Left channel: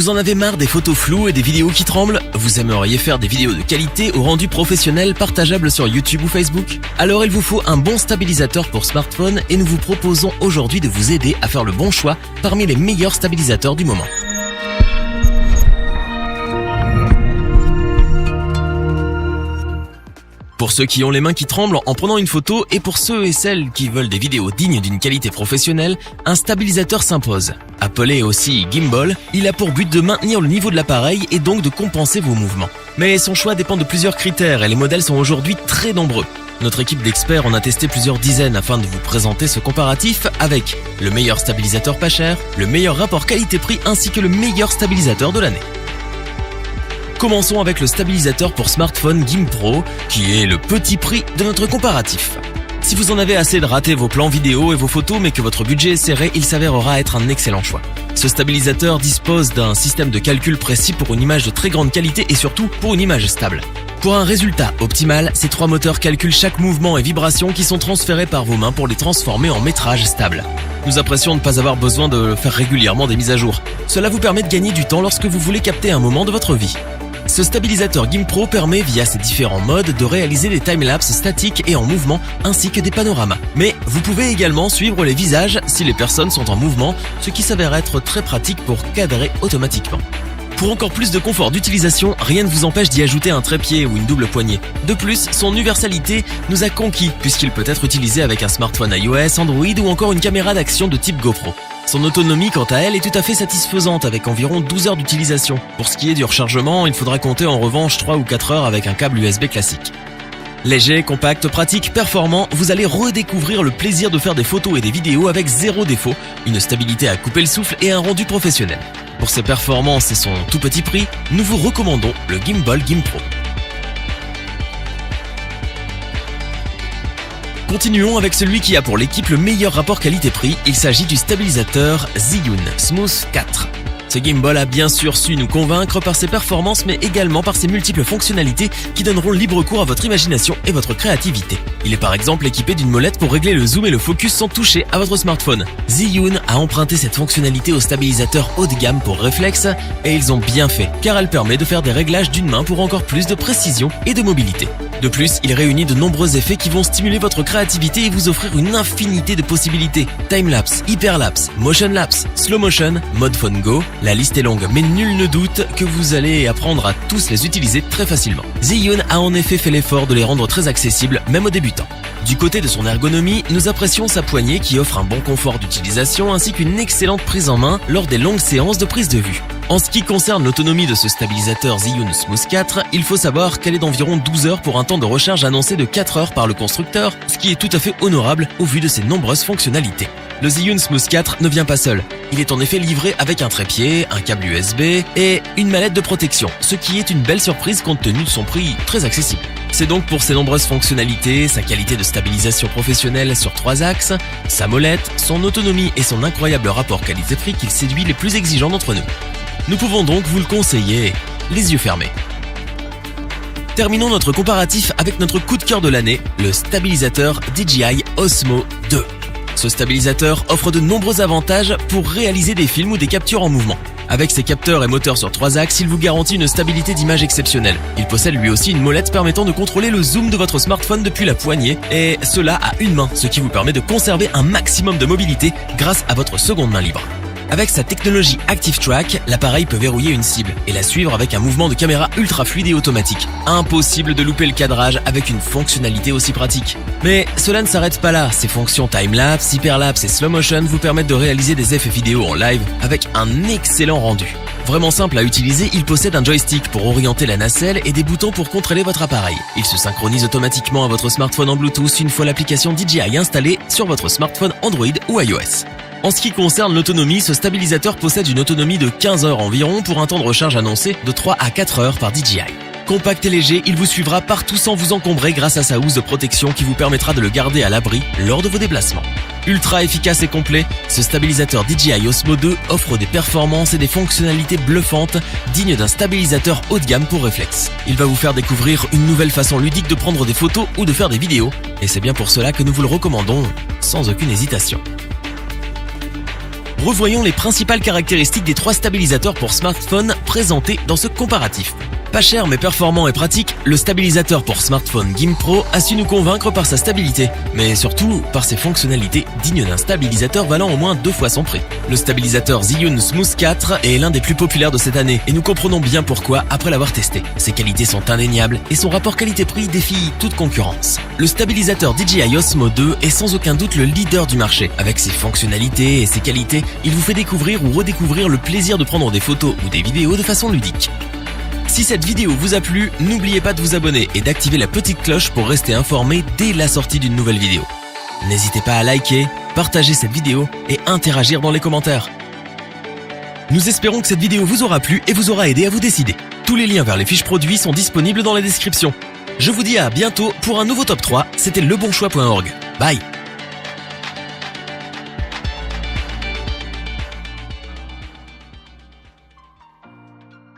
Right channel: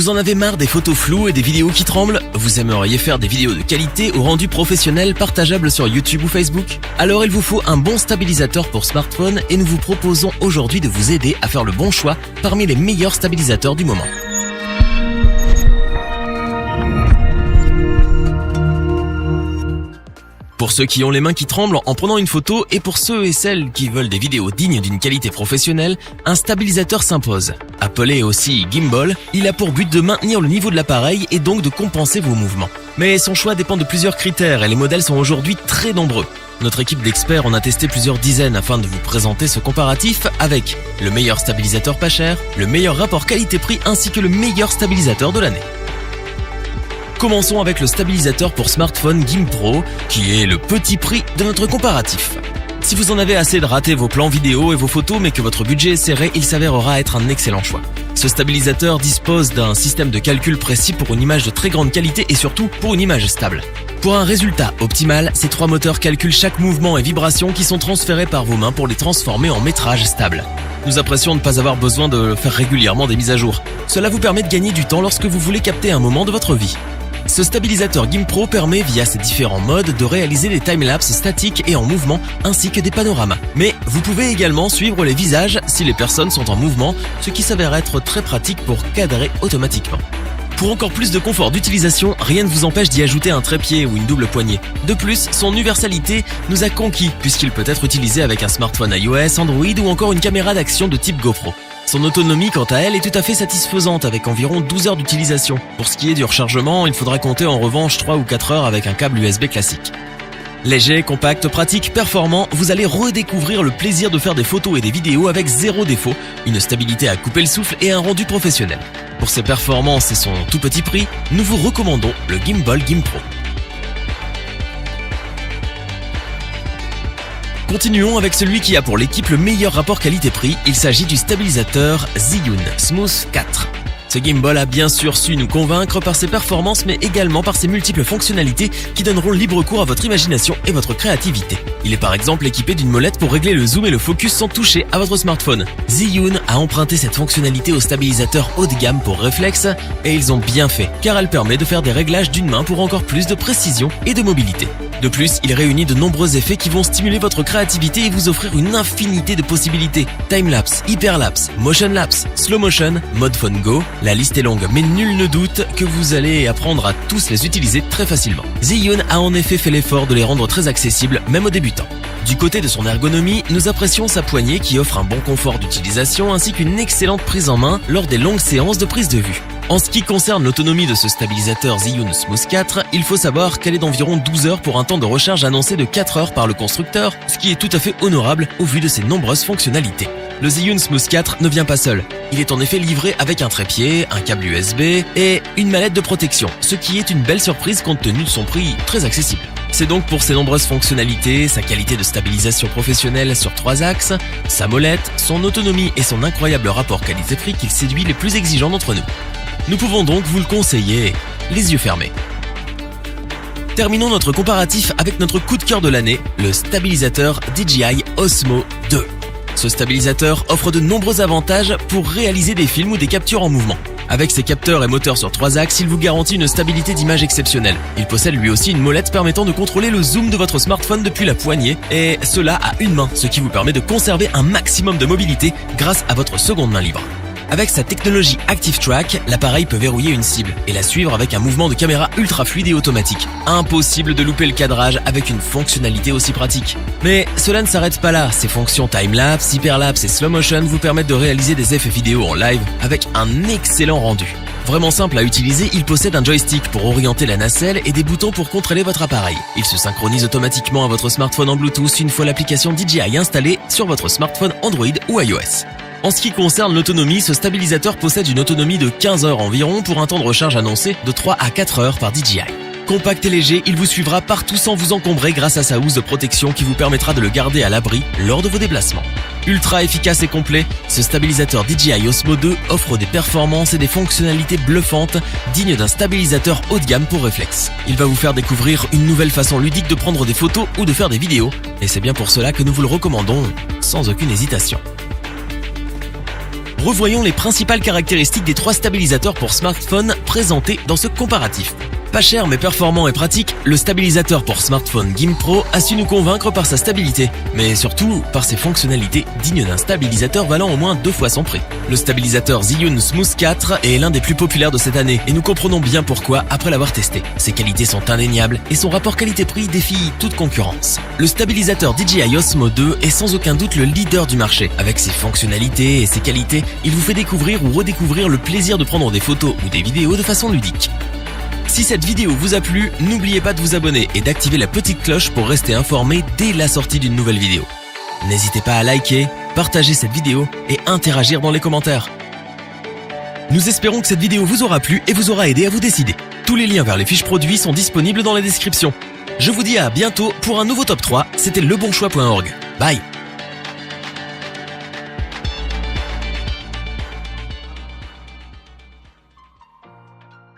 Vous en avez marre des photos floues et des vidéos qui tremblent? Vous aimeriez faire des vidéos de qualité ou rendu professionnel partageables sur YouTube ou Facebook? Alors il vous faut un bon stabilisateur pour smartphone et nous vous proposons aujourd'hui de vous aider à faire le bon choix parmi les meilleurs stabilisateurs du moment. Pour ceux qui ont les mains qui tremblent en prenant une photo et pour ceux et celles qui veulent des vidéos dignes d'une qualité professionnelle, un stabilisateur s'impose. Appelé aussi gimbal, il a pour but de maintenir le niveau de l'appareil et donc de compenser vos mouvements. Mais son choix dépend de plusieurs critères et les modèles sont aujourd'hui très nombreux. Notre équipe d'experts en a testé plusieurs dizaines afin de vous présenter ce comparatif avec le meilleur stabilisateur pas cher, le meilleur rapport qualité-prix ainsi que le meilleur stabilisateur de l'année. Commençons avec le stabilisateur pour smartphone GimPro, qui est le petit prix de notre comparatif. Si vous en avez assez de rater vos plans vidéo et vos photos mais que votre budget est serré, il s'avérera être un excellent choix. Ce stabilisateur dispose d'un système de calcul précis pour une image de très grande qualité et surtout pour une image stable. Pour un résultat optimal, ces 3 moteurs calculent chaque mouvement et vibration qui sont transférés par vos mains pour les transformer en métrage stable. Nous apprécions de ne pas avoir besoin de faire régulièrement des mises à jour. Cela vous permet de gagner du temps lorsque vous voulez capter un moment de votre vie. Ce stabilisateur GimPro permet via ses différents modes de réaliser des timelapses statiques et en mouvement ainsi que des panoramas. Mais vous pouvez également suivre les visages si les personnes sont en mouvement, ce qui s'avère être très pratique pour cadrer automatiquement. Pour encore plus de confort d'utilisation, rien ne vous empêche d'y ajouter un trépied ou une double poignée. De plus, son universalité nous a conquis puisqu'il peut être utilisé avec un smartphone iOS, Android ou encore une caméra d'action de type GoPro. Son autonomie, quant à elle, est tout à fait satisfaisante avec environ 12 heures d'utilisation. Pour ce qui est du rechargement, il faudra compter en revanche 3 ou 4 heures avec un câble USB classique. Léger, compact, pratique, performant, vous allez redécouvrir le plaisir de faire des photos et des vidéos avec zéro défaut, une stabilité à couper le souffle et un rendu professionnel. Pour ses performances et son tout petit prix, nous vous recommandons le Gimbal GimPro. Continuons avec celui qui a pour l'équipe le meilleur rapport qualité-prix, il s'agit du stabilisateur Zhiyun Smooth 4. Ce gimbal a bien sûr su nous convaincre par ses performances mais également par ses multiples fonctionnalités qui donneront libre cours à votre imagination et votre créativité. Il est par exemple équipé d'une molette pour régler le zoom et le focus sans toucher à votre smartphone. Zhiyun a emprunté cette fonctionnalité au stabilisateur haut de gamme pour réflexe et ils ont bien fait car elle permet de faire des réglages d'une main pour encore plus de précision et de mobilité. De plus, il réunit de nombreux effets qui vont stimuler votre créativité et vous offrir une infinité de possibilités. Timelapse, hyperlapse, motion lapse, slow motion, mode phone go. La liste est longue, mais nul ne doute que vous allez apprendre à tous les utiliser très facilement. Zhiyun a en effet fait l'effort de les rendre très accessibles, même aux débutants. Du côté de son ergonomie, nous apprécions sa poignée qui offre un bon confort d'utilisation ainsi qu'une excellente prise en main lors des longues séances de prise de vue. En ce qui concerne l'autonomie de ce stabilisateur Zhiyun Smooth 4, il faut savoir qu'elle est d'environ 12 heures pour un temps de recharge annoncé de 4 heures par le constructeur, ce qui est tout à fait honorable au vu de ses nombreuses fonctionnalités. Le Zhiyun Smooth 4 ne vient pas seul. Il est en effet livré avec un trépied, un câble USB et une mallette de protection, ce qui est une belle surprise compte tenu de son prix très accessible. C'est donc pour ses nombreuses fonctionnalités, sa qualité de stabilisation professionnelle sur 3 axes, sa molette, son autonomie et son incroyable rapport qualité-prix qu'il séduit les plus exigeants d'entre nous. Nous pouvons donc vous le conseiller, les yeux fermés. Terminons notre comparatif avec notre coup de cœur de l'année, le stabilisateur DJI Osmo 2. Ce stabilisateur offre de nombreux avantages pour réaliser des films ou des captures en mouvement. Avec ses capteurs et moteurs sur 3 axes, il vous garantit une stabilité d'image exceptionnelle. Il possède lui aussi une molette permettant de contrôler le zoom de votre smartphone depuis la poignée, et cela à une main, ce qui vous permet de conserver un maximum de mobilité grâce à votre seconde main libre. Avec sa technologie Active Track, l'appareil peut verrouiller une cible et la suivre avec un mouvement de caméra ultra fluide et automatique. Impossible de louper le cadrage avec une fonctionnalité aussi pratique. Mais cela ne s'arrête pas là. Ses fonctions timelapse, hyperlapse et slow motion vous permettent de réaliser des effets vidéo en live avec un excellent rendu. Vraiment simple à utiliser, il possède un joystick pour orienter la nacelle et des boutons pour contrôler votre appareil. Il se synchronise automatiquement à votre smartphone en Bluetooth une fois l'application DJI installée sur votre smartphone Android ou iOS. En ce qui concerne l'autonomie, ce stabilisateur possède une autonomie de 15 heures environ pour un temps de recharge annoncé de 3 à 4 heures par DJI. Compact et léger, il vous suivra partout sans vous encombrer grâce à sa housse de protection qui vous permettra de le garder à l'abri lors de vos déplacements. Ultra efficace et complet, ce stabilisateur DJI Osmo 2 offre des performances et des fonctionnalités bluffantes dignes d'un stabilisateur haut de gamme pour réflexe. Il va vous faire découvrir une nouvelle façon ludique de prendre des photos ou de faire des vidéos, et c'est bien pour cela que nous vous le recommandons sans aucune hésitation. Revoyons les principales caractéristiques des 3 stabilisateurs pour smartphone présentés dans ce comparatif. Pas cher mais performant et pratique, le stabilisateur pour smartphone GimbPro a su nous convaincre par sa stabilité, mais surtout par ses fonctionnalités dignes d'un stabilisateur valant au moins 2 fois son prix. Le stabilisateur Zhiyun Smooth 4 est l'un des plus populaires de cette année, et nous comprenons bien pourquoi après l'avoir testé. Ses qualités sont indéniables, et son rapport qualité-prix défie toute concurrence. Le stabilisateur DJI Osmo 2 est sans aucun doute le leader du marché. Avec ses fonctionnalités et ses qualités, il vous fait découvrir ou redécouvrir le plaisir de prendre des photos ou des vidéos de façon ludique. Si cette vidéo vous a plu, n'oubliez pas de vous abonner et d'activer la petite cloche pour rester informé dès la sortie d'une nouvelle vidéo. N'hésitez pas à liker, partager cette vidéo et interagir dans les commentaires. Nous espérons que cette vidéo vous aura plu et vous aura aidé à vous décider. Tous les liens vers les fiches produits sont disponibles dans la description. Je vous dis à bientôt pour un nouveau top 3, c'était lebonchoix.org. Bye.